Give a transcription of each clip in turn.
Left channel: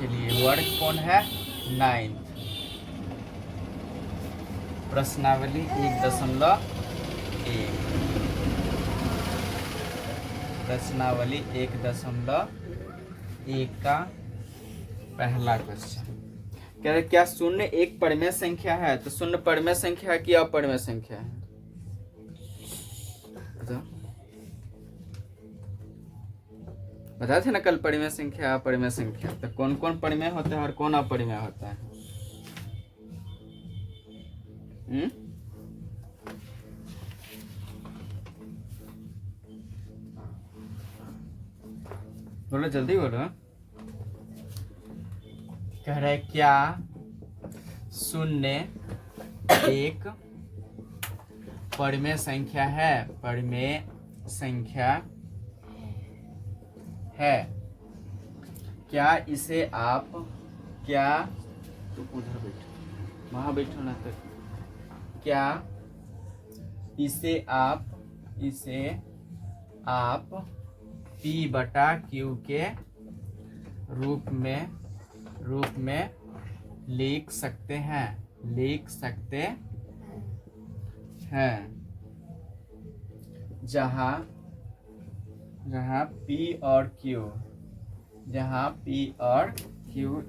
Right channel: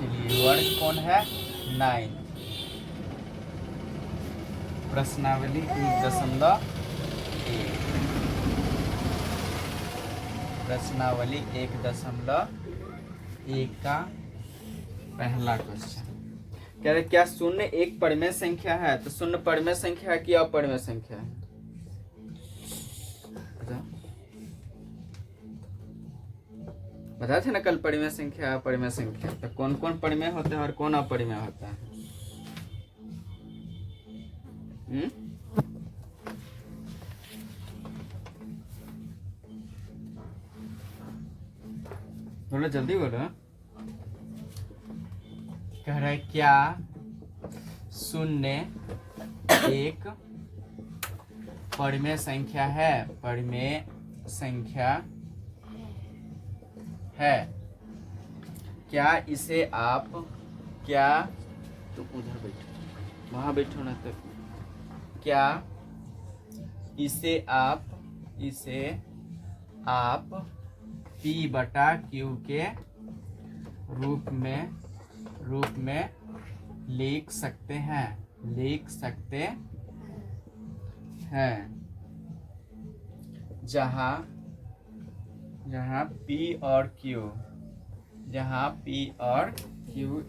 चलिए वर्ग कौन है 9। प्रश्नावली 1.1। प्रश्नावली 1.1 का पहला क्वेश्चन कह रहे क्या शून्य एक परिमेय संख्या है? तो शून्य परिमेय संख्या है कि अपरिमेय संख्या है? बताए थे ना कल परिमेय संख्या अपरिमेय संख्या। तो कौन कौन परिमेय होता है और कौन अपरिमेय होता है? बोलो जल्दी बोलो। कह रहे क्या शून्य एक परिमेय संख्या है? परिमेय संख्या है। क्या इसे आप क्या तुम उधर बैठो वहां बैठो ना तक। क्या इसे आप P बटा Q के रूप में लिख सकते हैं जहां P और Q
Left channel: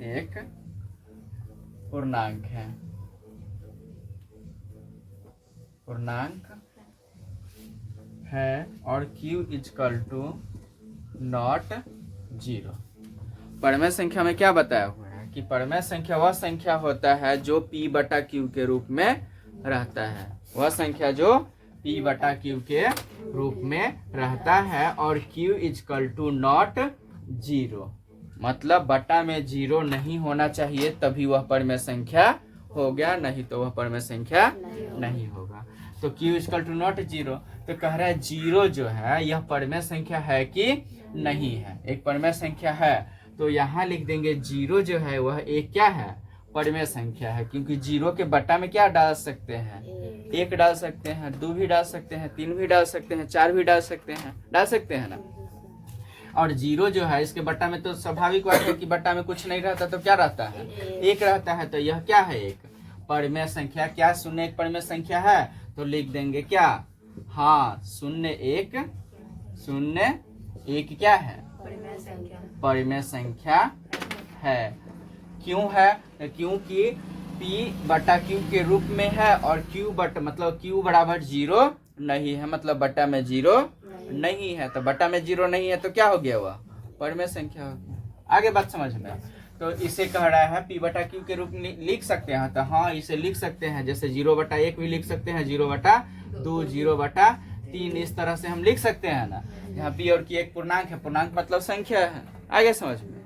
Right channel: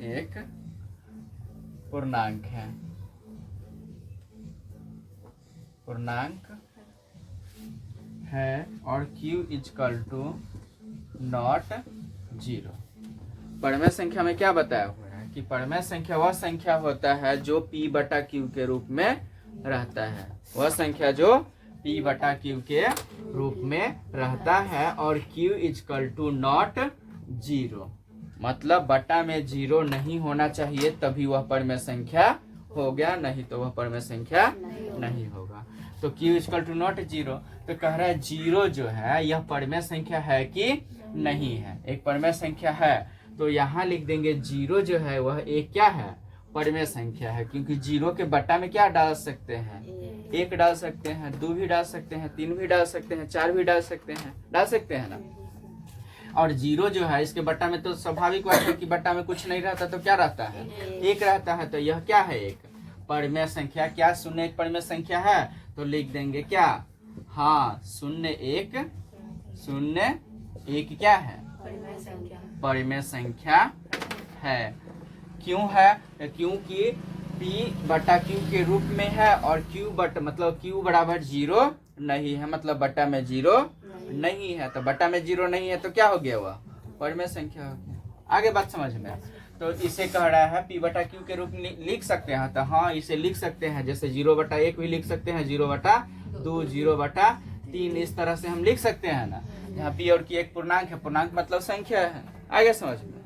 एक पूर्णांक है और Q इक्वल टू नॉट 0। परिमेय संख्या में क्या बताया हुआ है कि परिमेय संख्या वह संख्या होता है जो P बटा Q के रूप में रहता है। वह संख्या जो P बटा Q के रूप में रहता है और Q इक्वल टू नॉट 0, मतलब बटा में 0 नहीं होना चाहिए तभी वह परिमेय संख्या हो गया, नहीं तो वह परिमेय संख्या नहीं होगा। तो Q इक्वल टू नॉट 0। तो कह रहा है 0 जो है यह परिमेय संख्या है कि नहीं है? एक परिमेय संख्या है तो यहाँ लिख देंगे 0 जो है वह एक क्या है? परिमेय संख्या है, क्योंकि 0 के बटा में क्या डाल सकते हैं? 1 डाल सकते हैं, 2 भी डाल सकते हैं, 3 भी डाल सकते हैं, 4 भी डाल सकते हैं ना। और 0 जो है इसके बटा में तो स्वाभाविक बात है कि बटा में कुछ नहीं रहता तो क्या रहता है? 1 रहता है। तो यह क्या है? एक परिमेय संख्या। क्या शून्य एक परिमेय संख्या है? तो लिख देंगे क्या? हाँ, शून्य एक क्या है? परिमेय संख्या है। क्यों है? क्योंकि P बटा Q के रूप में है और Q मतलब Q बराबर 0 नहीं है, मतलब बटा में 0 नहीं है। तो बटा में 0 नहीं है तो क्या हो गया? वह परिमेय संख्या हो गया। आगे बात समझ में। तो इसे कह रहा है P बटा Q के रूप में लिख सकते हैं। तो हाँ, इसे लिख सकते हैं, जैसे 0/1 भी लिख सकते हैं, 0/2, 0/3, इस तरह से हम लिख सकते हैं ना। यहाँ P और Q एक पूर्णांक है, पूर्णांक मतलब संख्या है। आगे समझ में।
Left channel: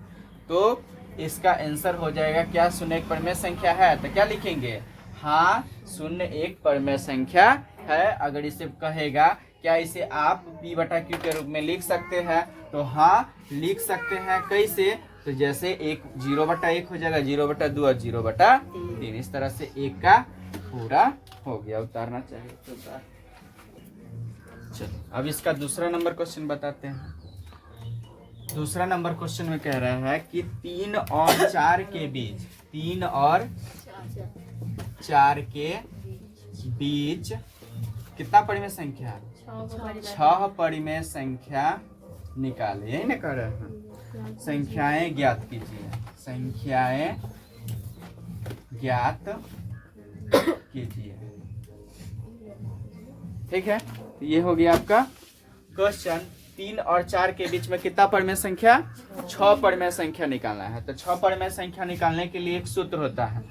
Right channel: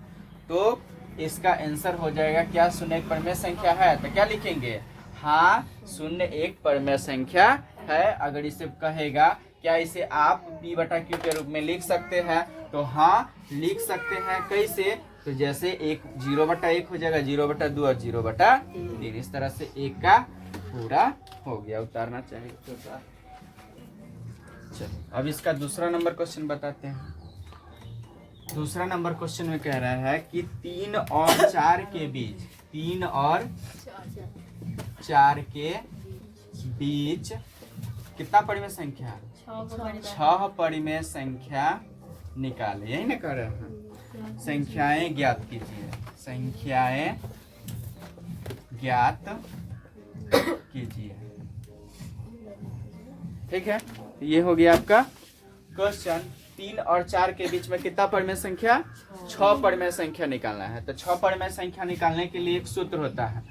तो इसका आंसर हो जाएगा क्या? शून्य एक परिमेय संख्या है। तो क्या लिखेंगे? हाँ, शून्य एक परिमेय संख्या है। अगर इसे कहेगा क्या इसे आप P बटा Q के रूप में लिख सकते हैं? तो हाँ लिख सकते हैं। कैसे? तो जैसे 0/1 हो जाएगा, 0/2 और 0/3, इस तरह से 1 का पूरा हो गया। उतारना चाहिए तो उतार। चलो अब इसका दूसरा नंबर क्वेश्चन बताते हैं। दूसरा नंबर क्वेश्चन में कह रहा है कि 3 और 4 के बीच 3 और 4 के बीच कितना परिमेय संख्या? 6 परिमेय संख्या निकाले। यही ना कह रहे हैं। संख्याएं ज्ञात कीजिए। संख्याएं ज्ञात कीजिए। ठीक है, ये हो गया आपका क्वेश्चन। 3 और 4 के बीच में कितना परिमेय संख्या? 6 परिमेय संख्या निकालना है। तो 6 परिमेय संख्या निकालने के लिए एक सूत्र होता है।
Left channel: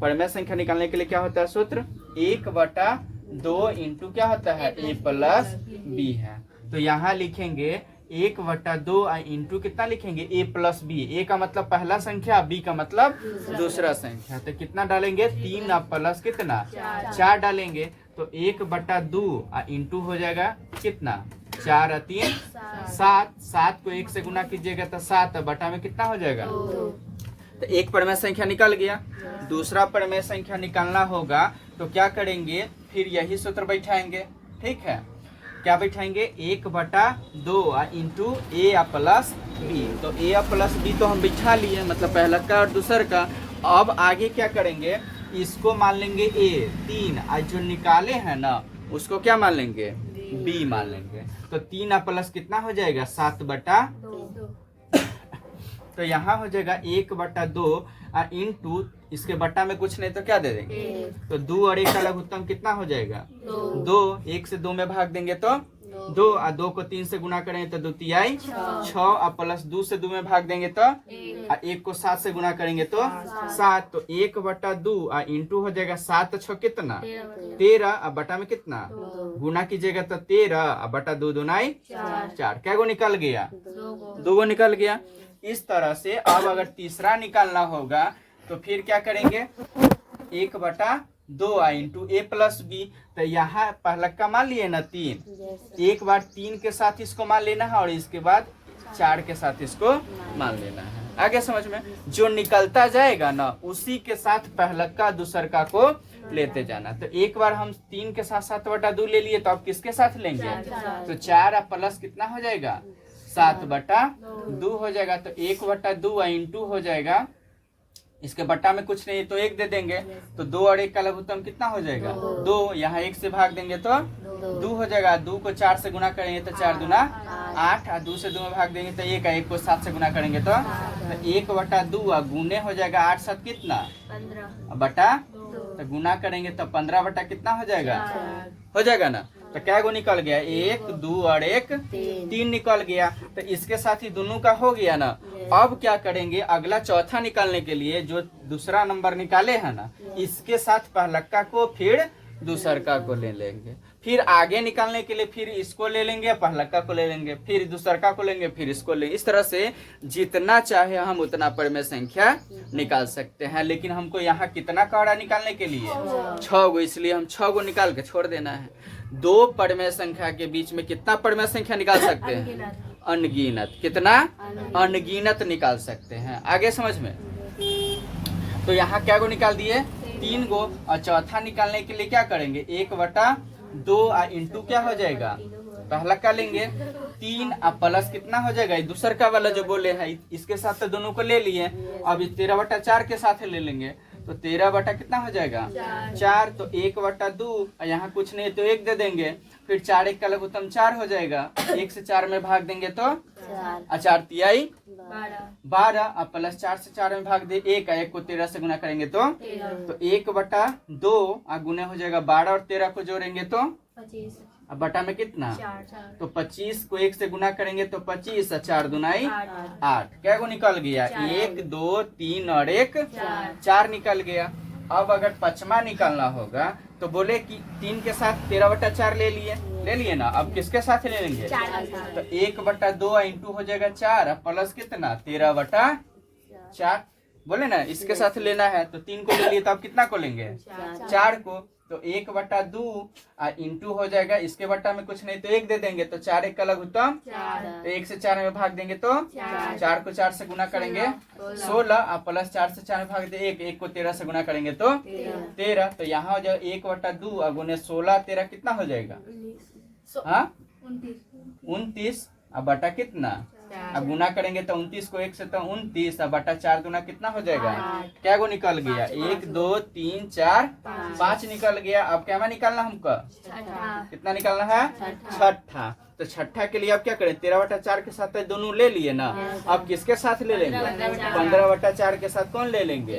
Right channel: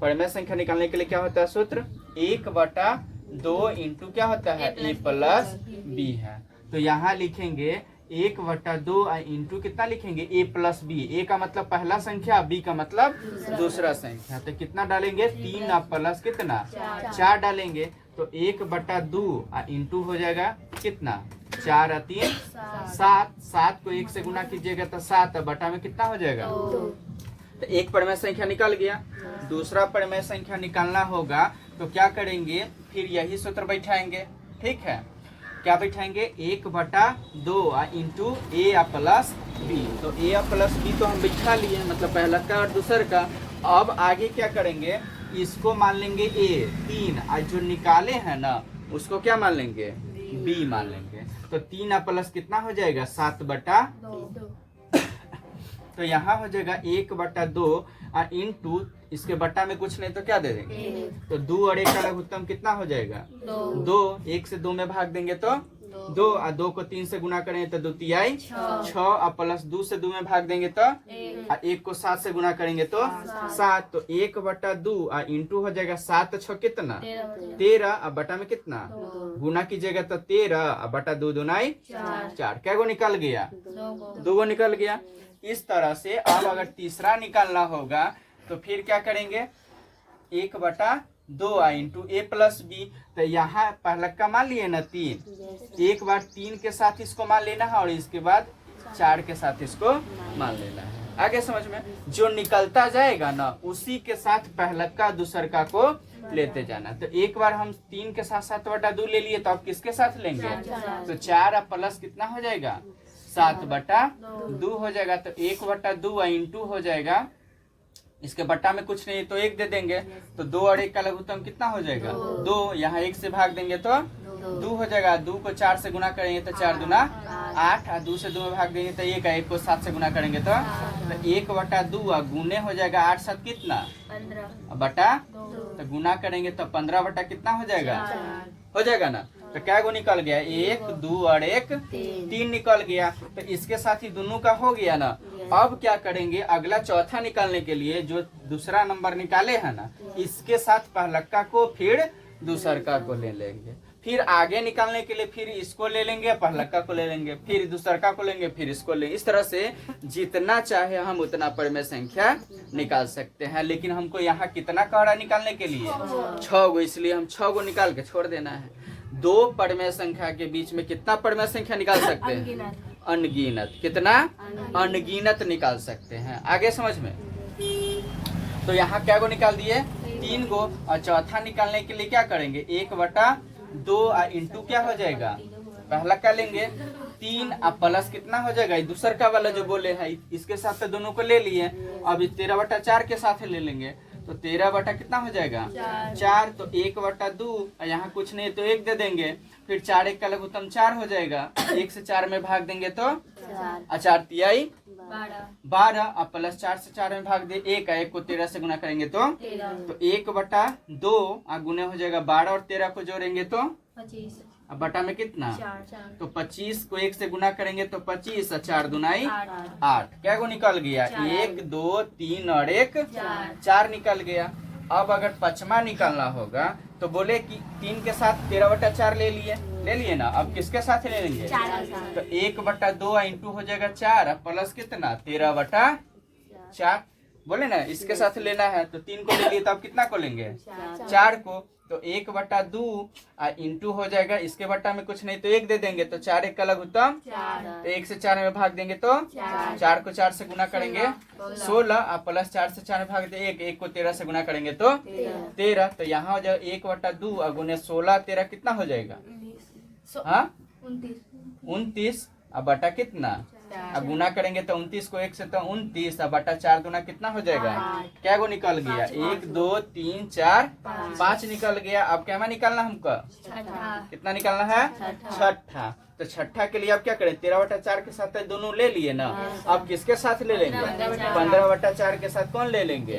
परिमेय संख्या निकालने के लिए क्या होता है सूत्र? 1/2 इंटू क्या होता है? A प्लस B है। तो यहाँ लिखेंगे 1/2 इंटू कितना लिखेंगे? A plus B। A का मतलब पहला संख्या, B का मतलब दूसरा संख्या। तो कितना डालेंगे? 3 प्लस कितना? 4 डालेंगे। तो 1/2 इंटू हो जाएगा कितना? 4 और 3 7। 7 को 1 से गुना कीजिएगा तो 7, बटा में कितना हो जाएगा? तो एक परिमेय संख्या निकल गया। दूसरा परिमेय संख्या निकालना होगा तो क्या करेंगे? फिर यही सूत्र बैठाएंगे। ठीक है, क्या बैठाएंगे 1/2 इंटू ए प्लस बी। तो ए प्लस बी तो हम बिठा लिए, मतलब पहला का और दूसर का। अब आगे क्या करेंगे, इसको मान लेंगे ए 3 और जो निकाले हैं ना उसको क्या मान लेंगे बी मान लेंगे। तो 3 प्लस कितना हो जाएगा 7/2। तो यहाँ हो जाएगा 1/2 और इंटू इसके बट्टा में कुछ नहीं तो क्या दे देंगे, तो 2 और 1 का लघुत्तम कितना हो जाएगा 2। 1 से 2 में भाग देंगे तो 2 और 2 को 3 से गुना करेंगे तो 2 तिहाई 6 और प्लस 2 से 2 में भाग देंगे तो और 1 को 7 से गुना करेंगे तो 7। तो 1/2 और इंटू हो जाएगा 7 6 कितना 13 और बटा में कितना गुना कीजिएगा तो 13 और बटा 2 दूनाई 4। क्या गो निकल गया 2 गो निकल गया। इस तरह से अब अगर तीसरा निकालना होगा तो फिर क्या करेंगे 1/2 इंटू ए प्लस बी। तो यहाँ पहला का मान लिए ना 3, एक बार 3 के साथ इसको मान लेना है और इसके बाद 4 के साथ इसको मान लेना है। आगे समझ में, जो निकलता जाएगा ना उसी के साथ पहला का दूसर का को लेते जाना। तो एक बार हम 3 के साथ 7/2 ले लिए, तो अब किसके साथ लेंगे, तो 4 प्लस कितना हो जाएगा 7/2 हो जाएगा। तो 1/2 इंटू हो जाएगा, इसके बट्टा में कुछ नहीं तो 1 दे देंगे, तो 2 और 1 का लघुत्तम कितना हो जाएगा 2। यहाँ 1 से भाग देंगे तो 2 हो जाएगा। 2 को 4 से गुना करेंगे तो 4 दूना 8 और 2 से 2 में भाग देंगे तो 1 है। 1 को 7 से गुना करेंगे तो 1/2 गुने हो जाएगा 8 7 कितना 15 बटा, तो गुना करेंगे तो 15 बटा कितना हो जाएगा हो जाएगा ना। तो क्या गो निकल गया 1 2 और 1 3 निकल गया। तो इसके साथ ही दोनों का हो गया ना। अब क्या करेंगे, अगला चौथा निकालने के लिए जो दूसरा नंबर निकाले है ना इसके साथ पहलक्का को फिर दूसर का को ले लेंगे, फिर आगे निकालने के लिए फिर इसको ले लेंगे, पहलक्का को ले लेंगे, फिर दूसर का को लेंगे, फिर इसको ले। इस तरह से जितना चाहे हम उतना परिमेय संख्या निकाल सकते हैं। लेकिन हमको यहाँ कितना काड़ा निकालने के लिए 6 गो, इसलिए हम 6 गो निकाल के छोड़ देना है। 2 परिमेय संख्या के बीच में कितना परिमेय संख्या निकाल सकते हैं अनगिनत। कितना अनगिनत निकाल सकते हैं। आगे समझ में, तो यहाँ क्या गो निकाल दिए 3 गो। और चौथा निकालने के लिए क्या करेंगे 1/2 इंटू क्या हो जाएगा पहला का लेंगे 3 प्लस कितना हो जाएगा दूसर का वाला जो बोले है इसके साथ तो दोनों को ले लिए। अब 13/4 के साथ ले लेंगे तो 13 बटा कितना हो जाएगा 4। तो 1/2 यहाँ कुछ नहीं तो 1 दे देंगे, फिर 4 1 का लघुत्तम 4 हो जाएगा। 1 से 4 में भाग देंगे तो 4 तिहाई 12 और प्लस 4 से 4 में भाग दे 1 है। 1 को 13 से गुना करेंगे तो 1/2 और गुना हो जाएगा 12 और 13 को जोड़ेंगे तो 25। अब बटा में कितना 4। तो 25 को 1 से गुना करेंगे तो 25 और 4 दूनाई 8। क्या को निकल गया 1 2 3 और 1 4 निकल गया। अब अगर पचमा निकालना होगा तो बोले कि 3 के साथ 13/4 ले लिए ना। अब किसके साथ ले लेंगे तो 1/2 इंटू हो जाएगा 4 प्लस कितना 13/4 बोले ना इसके साथ लेना है। तो 3 को ले लिए तो अब कितना को लेंगे 4 को। तो 1/2 इंटू हो जाएगा, इसके बट्टा में कुछ नहीं तो 1 दे देंगे तो 4 1 का लघुत्तम, तो 1 से 4 में भाग देंगे तो 4 को 4 से गुना करेंगे 16 और प्लस 4 से 4 में भाग दे 1 1 को 13 से गुना करेंगे तो 13। तो यहाँ हो जाएगा 1/2 और गुने 16 13 कितना हो जाएगा हाँ 29 और बटा कितना अब गुना करेंगे तो 29 को 1 से तो 29 और बटा 4 दूना कितना हो जाएगा क्या गो निकल गया 1 2 3 4 5 निकल गया। अब क्या में निकालना हमको कितना निकालना है छठा। तो छठा के लिए अब क्या करें 13/4 के साथ दोनों ले लिए ना। अब किसके साथ ले लेंगे 15/4 के साथ कौन ले लेंगे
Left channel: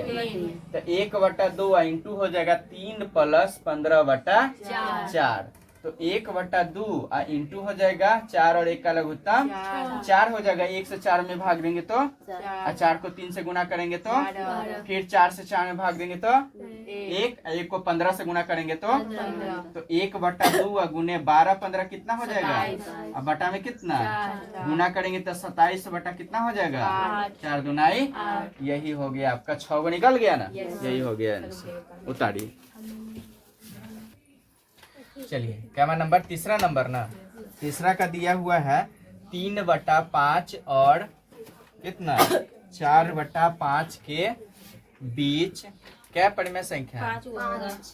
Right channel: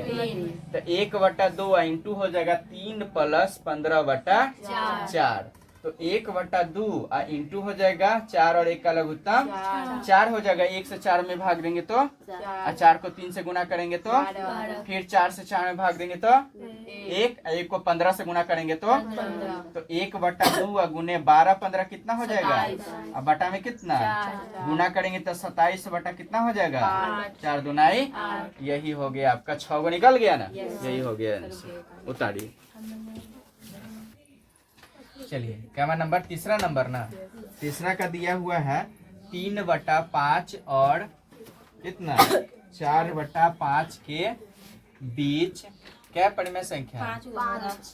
तो 1/2 इंटू हो जाएगा 3 प्लस 15/4। तो 1/2 इंटू हो जाएगा 4 और 1 का लघुत्तम 4 हो जाएगा। 1 से 4 में भाग देंगे तो 4 को 3 से गुना करेंगे तो फिर 4 से 4 में भाग देंगे तो 1 को 15 से गुना करेंगे तो 1/2 गुने 12 15 कितना हो जाएगा अब बटा में कितना गुना करेंगे तो 27 बटा कितना हो जाएगा 4 दूनाई। यही हो गया आपका 6 गो निकल गया ना। यही हो गया उतारिए। चलिए क्या नंबर तीसरा नंबर ना तीसरा का दिया हुआ है 3/5 और कितना 4/5 के बीच क्या परिमेय संख्या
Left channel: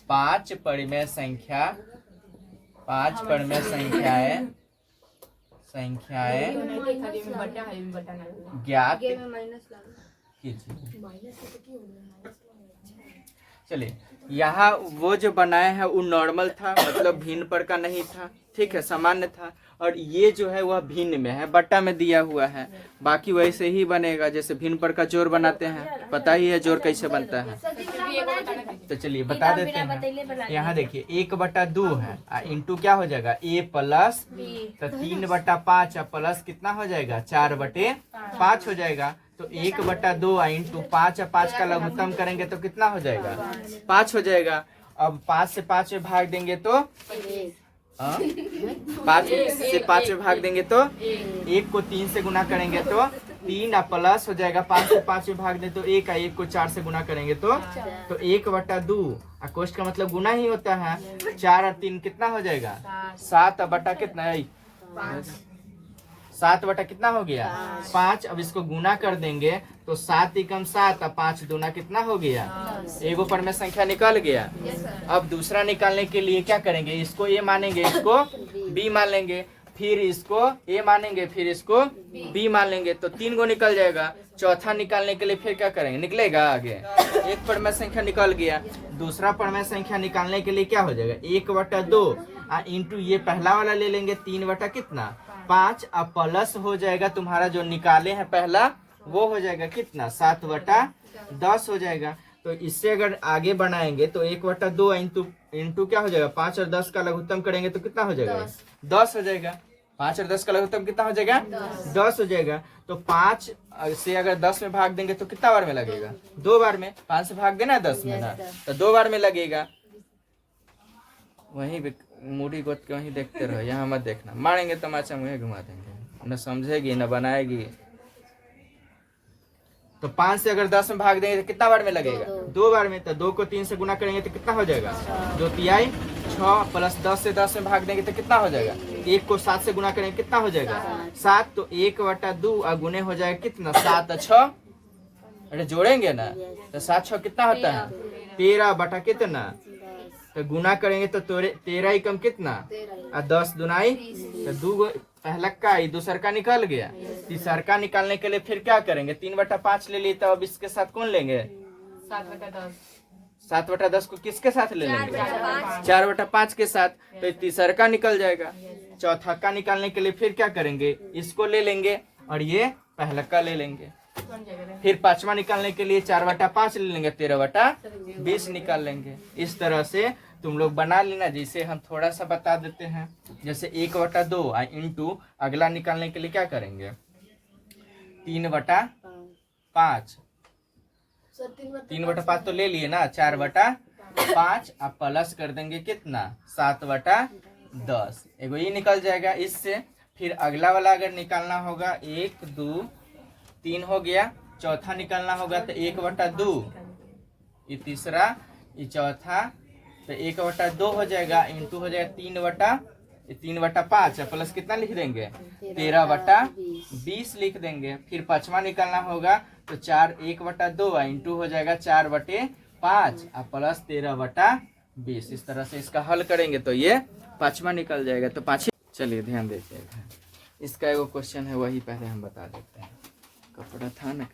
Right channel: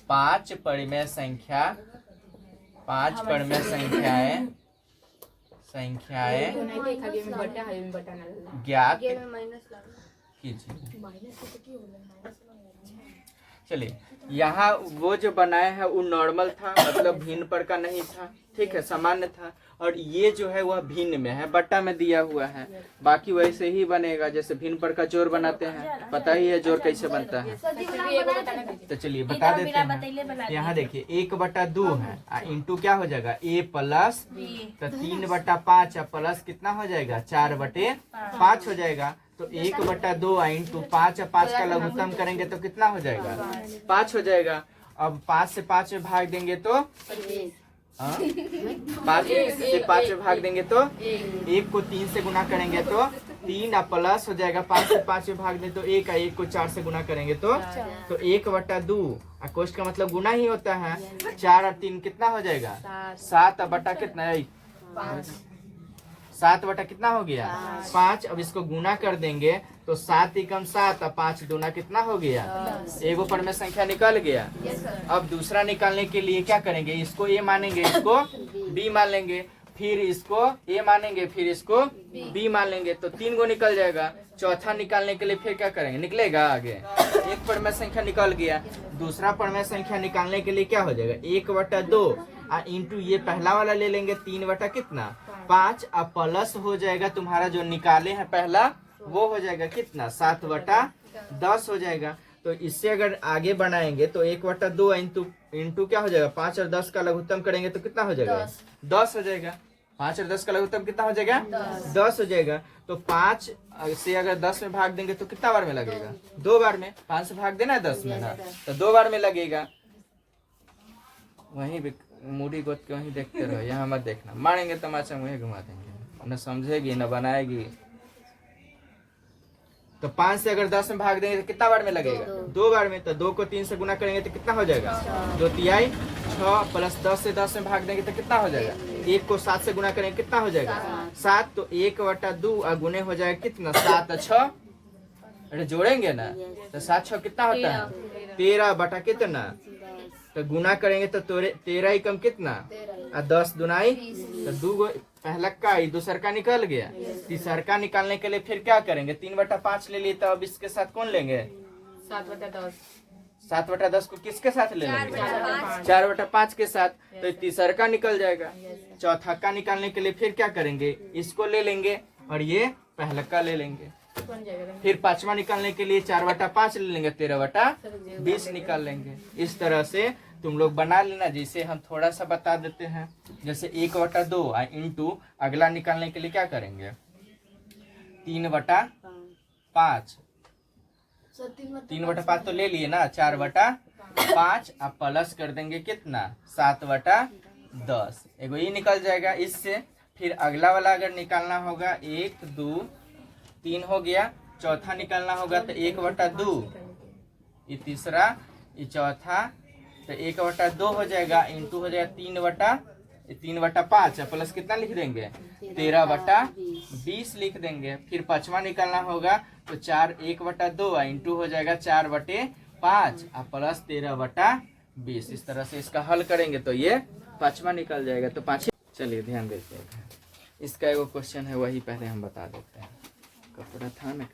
5 परिमेय संख्या 5 परिमेय संख्याएं ज्ञात कीजिए। चलिए, यहाँ वो जो बनाए हैं वो नॉर्मल था, मतलब भिन्न पर का नहीं था, ठीक है, सामान्य था। और ये जो है वह भिन्न में है, बट्टा में दिया हुआ है। बाकी वैसे ही बनेगा जैसे भिन्न पर का जोड़ बनाते हैं, पता ही है जोड़ कैसे बनता है। तो चलिए बता देते हैं। यहाँ देखिए 1/2 है, इंटू क्या हो जाएगा a प्लस, तो 3/5 प्लस कितना हो जाएगा 4/5 हो जाएगा। तो 1/2 इंटू 5 का लघुत्तम करेंगे तो कितना हो जाएगा 5 हो जाएगा। अब 5 से 5 में भाग देंगे तो 5 से 5 में भाग देंगे तो 1 को 3 से गुना करेंगे तो 3 प्लस हो जाएगा। 5 से 5 में भाग दें तो 1 को 4 से गुना करेंगे तो 1/2। कोष्ठ का मतलब गुना ही होता है। 4 और 3 कितना हो जाएगा 7 बटा कितना 7 बटा कितना हो गया 5। अब इसको गुना कर देंगे तो 7 एकम 7 और 5 दूना कितना हो गया, एगो परिमेय संख्या निकल गया। अब दूसरा निकालने के लिए क्या करेंगे, इसको ए मानेंगे, इसको बी मान लेंगे, फिर इसको ए मानेंगे, फिर इसको बी मान लेंगे, तो 3 गो निकल जाएगा। चौथा निकालने के लिए फिर क्या करेंगे, निकलेगा आगे एक परिमेय संख्या निकल गया। दूसरा परिमेय संख्या निकालने के लिए क्या हो जाएगा 1/2 इंटू ये पहला वाला ले लेंगे 3 बटा कितना 5। अब प्लस हो जाएगा तुम्हारा जो निकाले हैं पहला वो हो जाएगा कितना 7/10 हो जाएगा। तो इससे अगर आगे बनाएंगे तो 1/2 इंटू क्या हो जाएगा 5 और 10 का लघुत्तम करेंगे तो कितना हो जाएगा 10 हो जाएगा। 5 और 10 का लघुत्तम कितना हो जाएगा 10 हो जाएगा। तो 5 से अगर 10 में भाग देंगे तो कितना बार में लगेगा 2 बार में। 5 से भाग देना 10 में ना, तो 2 बार में लगेगा। वही मूडी गोद के वहीं देखते रहो, यहाँ मत देखना, मारेंगे तमाचा वहीं घुमा देंगे, न समझेगी न बनाएगी। तो 5 से अगर 10 में भाग देंगे तो कितना बार में लगेगा 2 बार में। तो 2 को 3 से गुना करेंगे तो कितना हो जाएगा 2 तिहाई 6 प्लस 10 से 10 में भाग देंगे तो कितना हो जाएगा 1 को 7 से गुना करेंगे कितना हो जाएगा 7। तो 1/2 गुने हो जाएगा कितना 7 और 6, अरे जोड़ेंगे ना तो 7 6 कितना होता है 13 बटा कितना। तो गुना करेंगे तो 13 कम कितना और 10 दुनाई तो 2 पहला का दूसर का निकल गया। तीसर का निकालने के लिए फिर क्या करेंगे 3/5 ले लिए, तो अब इसके साथ कौन लेंगे 7/10। 7/10 को किसके साथ ले लेंगे 4/5 के साथ। तो तीसर का निकल जाएगा। चौथा का निकालने के लिए फिर क्या करेंगे इसको ले लेंगे और ये पहला का ले लेंगे। फिर पांचवा निकालने के लिए 4/5 ले लेंगे 13/20 निकाल लेंगे। इस तरह से तुम लोग बना लेना। जिसे हम थोड़ा सा बता देते हैं, जैसे 1/2 इंटू अगला निकालने के लिए क्या करेंगे 3/5। 3/5 तो ले लिए ना 4/5 अब प्लस कर देंगे कितना 7/10, एगो ये निकल जाएगा इससे। फिर अगला वाला अगर निकालना होगा 1 2 3 हो गया। चौथा निकालना होगा तो 1/2, ये तीसरा, ये चौथा, तो 1/2 हो जाएगा इंटू हो जाएगा 3/5 प्लस कितना लिख देंगे 13/20 लिख देंगे। फिर पांचवा निकालना होगा तो 1/2 इंटू हो जाएगा 4/5 प्लस 13/20। इस तरह से इसका हल करेंगे तो ये पांचवा निकल जाएगा। तो पांचवा, चलिए ध्यान देते हैं, इसका एगो क्वेश्चन है वही पहले हम बता देते हैं। कपड़ा था ना